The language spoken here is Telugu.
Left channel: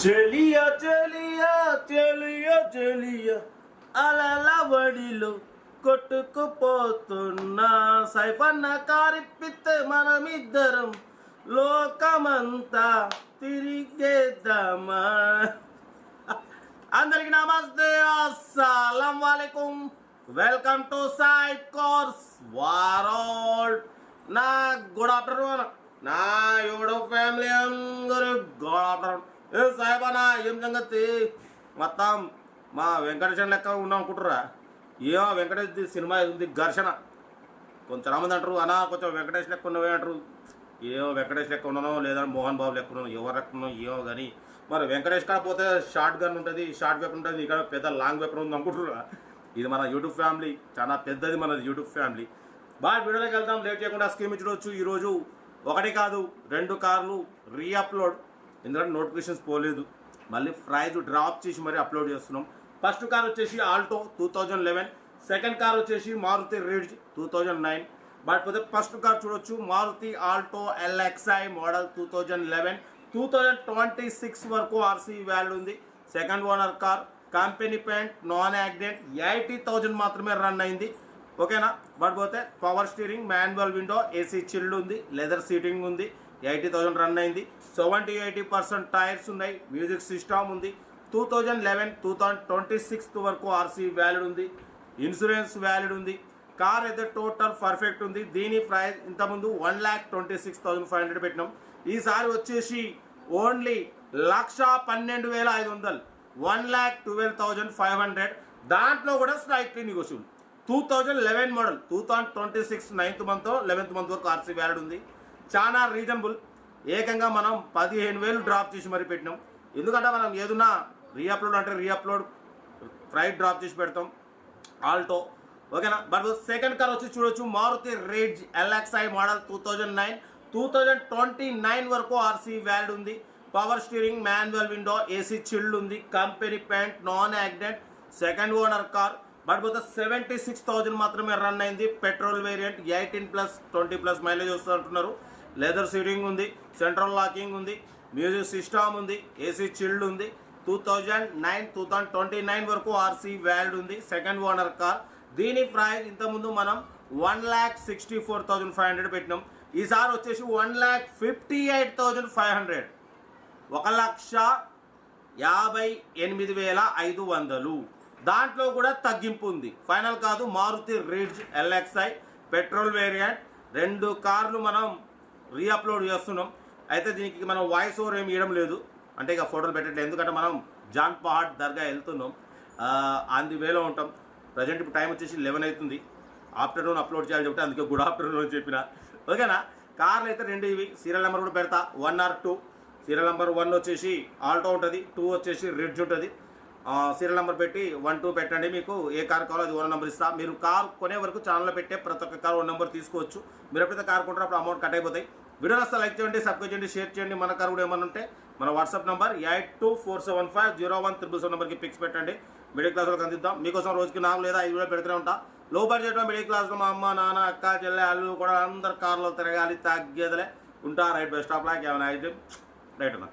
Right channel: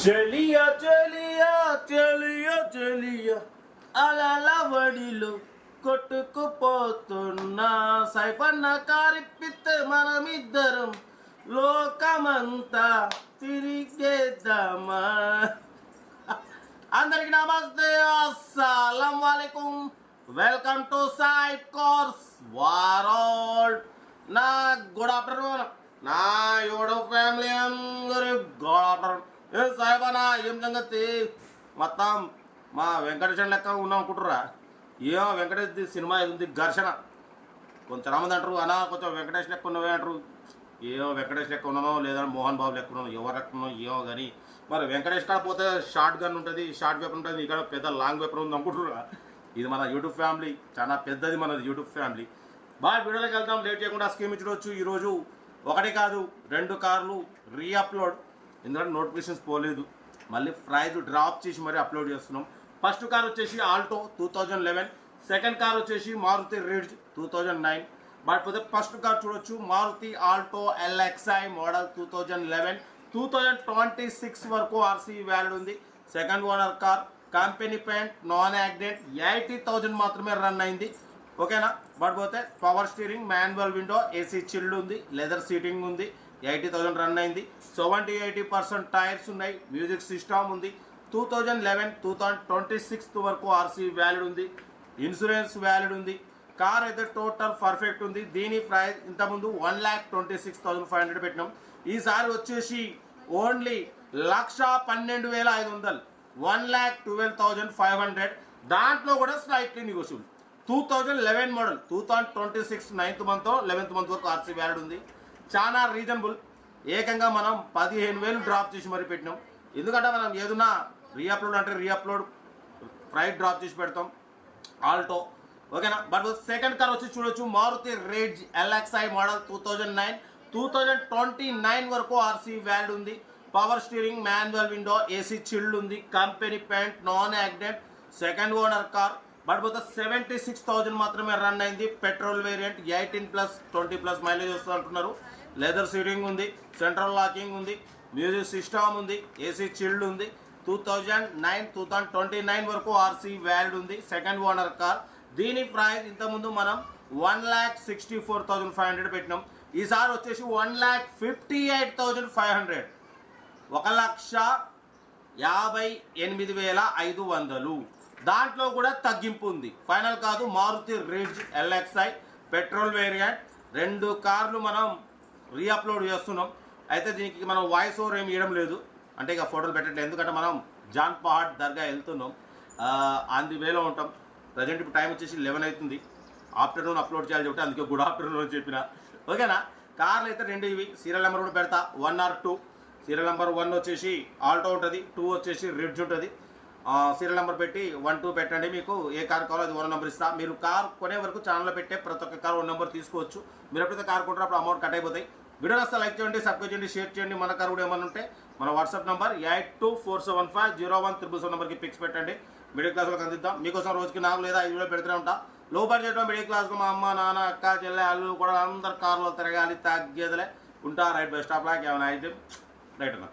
చెలియా చెలియా చెలియా చెలియా అలల వడిలో కొట్టుకుపోతున్నా సైఫన్న కారిప్పితే మనమిద్దరం లోకమంతా తిరిగేద్దామా. అందరికి నమస్తే, అస్సలం వాలేకుం. Welcome to side course world. నా గుడ్ ఆఫ్టర్నూన్ నా యూట్యూబ్ ఫ్యామిలీ అందరూ గుడ్ ఆఫ్టర్నూన్. ఏ సాయిబానా ఏం సంగతి? మొత్తం మా వెంకటేశ్వర లెక్క ఉన్నాం అనుకుంటురా? ఏమో వెంకటేష్ సినిమా ఉంది ఘర్షణ. కొంతమంది అంటారు అన్నా కొంచెం వెంకటేష్ లెక్క ఉన్నవే అంటారు. ఏమో వెంకటేష్ లెక్క ఉన్నానో లేదా మోహన్ బాబు లెక్క ఉన్నాను, ఎవరు లెక్క ఉన్నావు ఏమో. కానీ మరి వెంకటేష్ కాడ పోతే షార్ట్ గన్ ఉంటుంది, షార్ట్ వెపన్ ఉంటుంది, ఇక్కడ పెద్ద లాంగ్ వెపన్ ఉంది అనుకుంటురా? ఇది మన యూట్యూబ్ ఫ్యామిలీ, చాలా పెద్దది మనది యూట్యూబ్ ఫ్యామిలీ. బాగా వీడియోలోకి వెళ్తాం, లేట్ చేయకుండా స్క్రీన్ చూడవచ్చు. ఈరోజు ఒకటి కాదు 2 కార్లు రీఅప్లోడ్, ఎందుకంటే నోటిఫికేషన్స్ పోలేదు, మళ్ళీ ప్రైజ్ డ్రాప్ చేసి మరీ అప్లోడ్ చేస్తున్నాం. ఫస్ట్ కార్ వచ్చేసి ఆల్టో 2011, సెకండ్ కార్ వచ్చేసి మారుతి రిడ్జ్ 2009. బట్ పోతే ఫస్ట్ కార్ చూడొచ్చు, మారుతి ఆల్టో LXi మోడల్ 2011, 2026 వరకు ఆర్సీ వ్యాలిడ్ ఉంది. Second owner car, company paint, non accident, 80,000 మాత్రమే రన్ అయింది. ఓకేనా? బట్ పోతే power steering, manual window, AC chilled ఉంది, లెదర్ సీటింగ్ ఉంది, 80,000 రన్ అయింది. 70-80% టైర్స్ ఉన్నాయి, మ్యూజిక్ సిస్టమ్ ఉంది. 2011, 2026 వరకు ఆర్సీ వ్యాలిడ్ ఉంది, ఇన్సూరెన్స్ వ్యాలిడ్ ఉంది. కార్ అయితే టోటల్ పర్ఫెక్ట్ ఉంది. దీని ప్రైస్ ఇంతకుముందు 1,26,500 పెట్టినాం. ఈసారి వచ్చేసి ఓన్లీ 1,12,500, 1,12,500. దాంట్లో కూడా slightly negotiable. 2011 model, 2026 9th month 11th month వరకు ఆర్సీ వ్యాలిడ్ ఉంది. చాలా రీజనబుల్. ఏకంగా మనం 15,000 డ్రాప్ చేసి మరీ పెట్టినాం. ఎందుకంటే మనం ఏదన్నా రీఅప్లోడ్ అంటే రీఅప్లోడ్ ప్రైస్ డ్రాప్ చేసి పెడతాం ఆల్టో. ఓకేనా? బట్ సెకండ్ కార్ వచ్చి చూడొచ్చు, మారుతి రిడ్జ్ LXi మోడల్ 2009, 2029 వరకు ఆర్సీ వ్యాలిడ్ ఉంది. Power steering, manual window, AC chilled ఉంది, company paint, non accident, second owner car. But పోతే 76,000 మాత్రమే రన్ అయింది. పెట్రోల్ వేరియంట్, 18+, 20+ మైలేజ్ వస్తుంది అంటున్నారు. లెదర్ సీటింగ్ ఉంది, సెంట్రల్ లాకింగ్ ఉంది, మ్యూజిక్ సిస్టమ్ ఉంది, ఏసీ చిల్డ్ ఉంది. 2009, 2029 వరకు ఆర్సీ వ్యాలిడ్ ఉంది. Second owner car. దీని ప్రైస్ ఇంతకుముందు మనం 1,64,500 పెట్టినాం. ఈసారి వచ్చేసి 1,58,500, 1,58,500. దాంట్లో కూడా తగ్గింపు ఉంది, ఫైనల్ కాదు. Maruti Ritz LXi petrol variant, 2 కార్లు మనం రీఅప్లోడ్ చేస్తున్నాం. అయితే దీనికి మనం వాయిస్ ఓవర్ ఏమి ఇవ్వడం లేదు, అంటే ఇక ఫోటోలు పెట్టట్లేదు, ఎందుకంటే మనం జాన్ పహాడ్ దర్గా వెళ్తున్నాం, ఆన్ ది వేలో ఉంటాం. ప్రజెంట్ ఇప్పుడు టైం వచ్చేసి 11 అవుతుంది. ఆఫ్టర్నూన్ అప్లోడ్ చేయాలి చెప్తే అందుకే గుడ్ ఆఫ్టర్నూన్ అని చెప్పిన. ఓకేనా? కార్లు అయితే 2 ఇవి. సీరియల్ నెంబర్ కూడా పెడతా, 1 or 2. సీరియల్ నెంబర్ 1 వచ్చేసి ఆల్టో ఉంటుంది, 2 వచ్చేసి రిడ్జ్ ఉంటుంది. సీరియల్ నెంబర్ పెట్టి 1, 2 పెట్టండి. మీకు ఏ కార్ కావాలో అది 1 నెంబర్ ఇస్తా. మీరు కార్ కొనే వరకు ఛానల్లో పెట్టే ప్రతి ఒక్క కార్ 1 నెంబర్ తీసుకోవచ్చు. మీరు ఎప్పుడైతే కార్ కొంటారో అప్పుడు అమౌంట్ కట్ అయిపోతాయి. వీడియో వస్తే లైక్ చేయండి, సబ్స్క్రైబ్ చేయండి, షేర్ చేయండి. మన కార్ కూడా ఏమన్నా ఉంటే మన వాట్సాప్ నెంబర్ 8247501777 నెంబర్కి పిక్స్ పెట్టండి. మిడిల్ క్లాస్ వాళ్ళకి అందిద్దాం. మీకోసం రోజుకి 4 లేదా 5 వీడియో పెడుతూనే ఉంటా. లో బడ్జెట్ మిడిల్ క్లాస్లో మా అమ్మ, నాన్న, అక్క, చెల్లె, అల్లు కూడా అందరు కార్లో తిరగాలి, తగ్గేదలే ఉంటా. రైట్ బై స్టాప్ లాక్ ఏమైనా అయితే రైట్ అన్నా.